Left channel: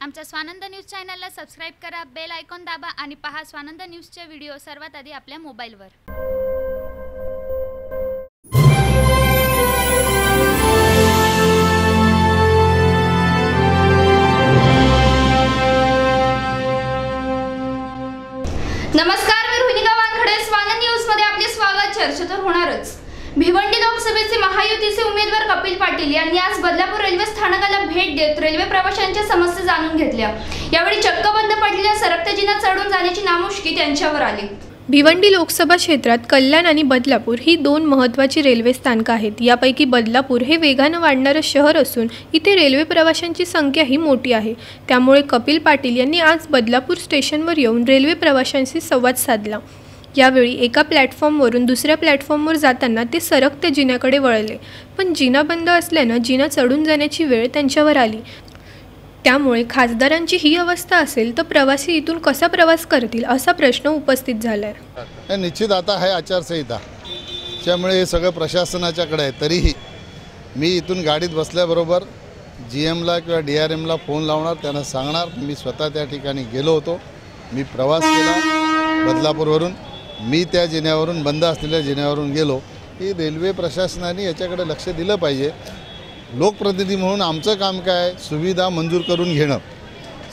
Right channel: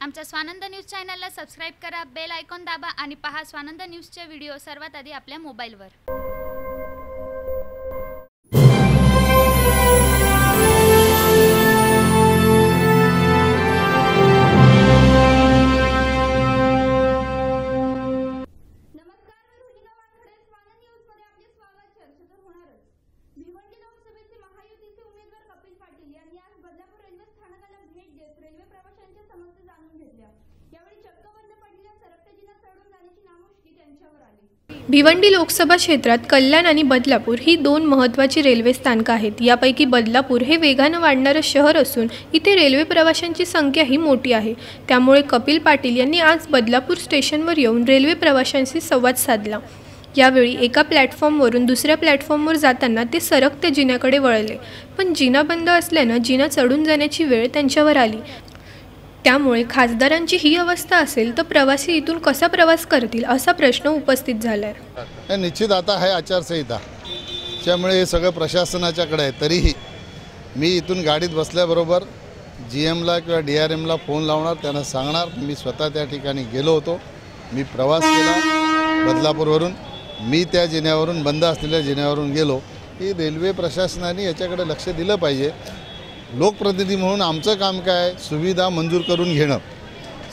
आमच्या स्वानंद न्यूज चॅनलला सबस्क्राइब करा, बेल आयकॉन दाबा आणि पहा स्वानंद न्यूजचे व्हिडिओ सर्वात आधी आपल्या मोबाईलवर। नमस्कार, मी रोहिणिका वानखडे। स्वानंद न्यूज मध्ये आपले स्वागत। चर्चा तर होणारच। भिवंडी लोकसभेचे महायुतीचे उमेदवार कपिल पाटील यांनी आज बदलापूर रेल्वे स्थानकाला भेट देत रेल्वे प्रवाशांच्या समस्या जाणून घेतल्या। यावेळी चक्क बंद पडलेल्या सरकत्या जिना चढून जाण्याची नामुष्की त्यांच्यावर आली। भिवंडी लोकसभा क्षेत्रात कल्याण आणि बदलापूर ही दोन महत्त्वाची रेल्वे स्थानकं आहेत। यापैकी बदलापूर हे वेगानं वाढणारं शहर असून इथे रेल्वे प्रवाशांची संख्याही मोठी आहे। त्यामुळे कपिल पाटील यांनी आज बदलापूर स्टेशनवर येऊन रेल्वे प्रवाशांशी संवाद साधला। यावेळी एका प्लॅटफॉर्मवरून दुसऱ्या प्लॅटफॉर्मवर जाताना ते सरकत्या जिन्याकडे वळले, पण जिना बंद असल्यानं जिना चढून जाण्याची वेळ त्यांच्यावर आली। त्यामुळे खासदारांची ही अवस्था असेल तर प्रवासी इथून कसा प्रवास करतील असा प्रश्न उपस्थित झालाय। निश्चित आता आहे आचारसंहिता, त्यामुळे हे सगळं प्रशासनाच्याकडे आहे। तरीही मी इथून गाडीत बसल्याबरोबर GMला किंवा DRMला फोन लावणार, त्यांना सांगणार मी स्वतः त्या ठिकाणी गेलो होतो, मी प्रवास केला बदलापूरवरून, मी त्या जिन्यावरून बंद असलेल्या जिन्यावरून गेलो। ही रेल्वे प्रशासनाने याच्याकडे लक्ष दिलं पाहिजे। लोकप्रतिनिधी म्हणून आमचं काम काय, सुविधा मंजूर करून घेणं,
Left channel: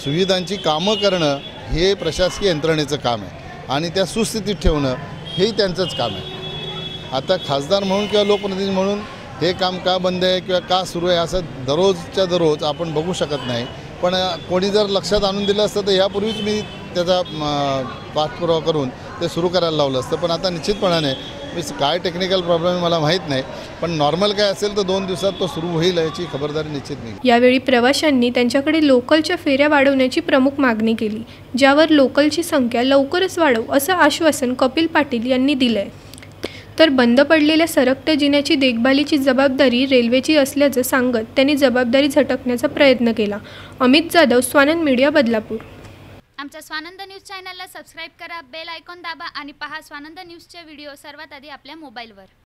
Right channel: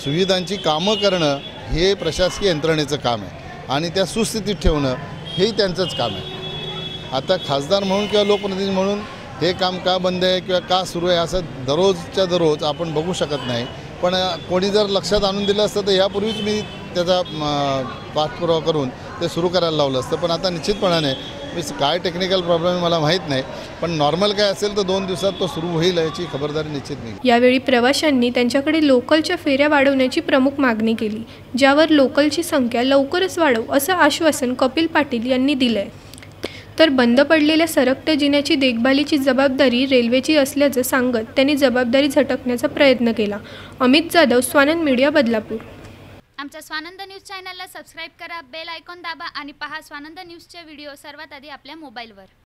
सुविधांची कामं करणं हे प्रशासकीय यंत्रणेचं काम आहे आणि त्या सुस्थितीत ठेवणं हेही त्यांचंच काम आहे। आता खासदार म्हणून किंवा लोकप्रतिनिधी म्हणून हे काम का बंद आहे किंवा का सुरू आहे असं दररोजच्या दररोज आपण बघू शकत नाही। पण कोणी जर लक्षात आणून दिलं असतं तर यापूर्वीच मी त्याचा पाठपुरावा करून ते सुरू करायला लावलं असतं। पण आता निश्चितपणाने काय टेक्निकल प्रॉब्लेम आहे मला माहीत नाही, पण नॉर्मल काय असेल तर 2 दिवसात तो सुरू होईल याची खबरदारी निश्चित नाही। यावेळी प्रवाशांनी त्यांच्याकडे लोकलच्या फेऱ्या वाढवण्याची प्रमुख मागणी केली, ज्यावर लोकलची संख्या लवकरच वाढवू असं आश्वासन कपिल पाटील यांनी दिलंय। तर बंद पडलेल्या सरकत्या जिन्याची देखभालीची जबाबदारी रेल्वेची असल्याचं सांगत त्यांनी जबाबदारी झटकण्याचा प्रयत्न केला। अमित जाधव, स्वानंद मीडिया, बदलापूर। आमच्या स्वानंद न्यूज चॅनलला सबस्क्राइब करा, बेल आयकॉन दाबा आणि पहा स्वानंद न्यूजचे व्हिडिओ सर्वात आधी आपल्या मोबाईलवर।